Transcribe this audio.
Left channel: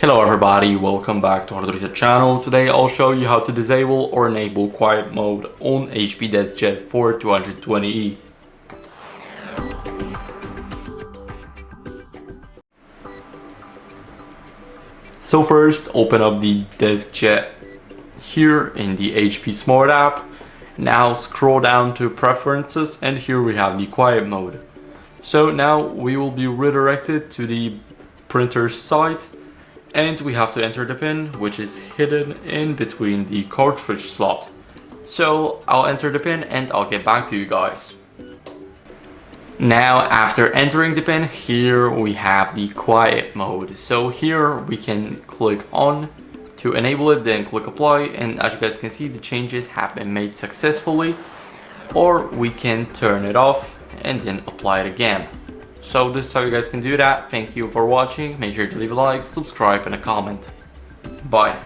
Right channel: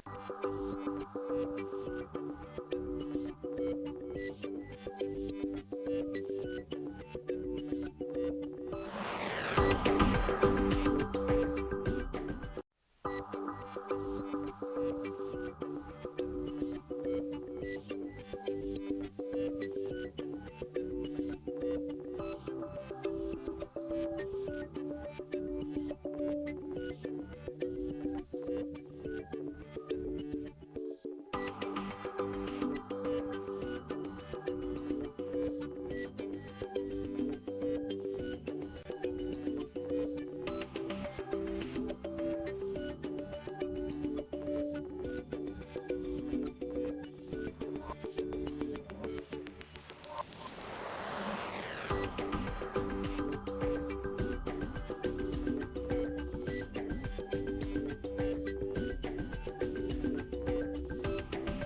Hello everybody, welcome back to HardReset channel. Today I'll show you how to disable or enable quiet mode on HP DeskJet 4220e. So first, open up the DeskJet here in the HP Smart app. Now scroll down to Preferences and here we have the quiet mode. So now we will be redirected to the printer site. And we have to enter the pin, which is hidden in between the cartridge slot. So I'll enter the pin and I'll get back to you guys. Now after entering the pin, here we have the quiet mode. So here we can click on to enable it, then click apply, and as you guys can see, the changes have been made successfully. Or we can turn it off and then apply it again. So this is how you guys can do that. Thank you for watching. Make sure to leave a like, subscribe, and a comment. Bye.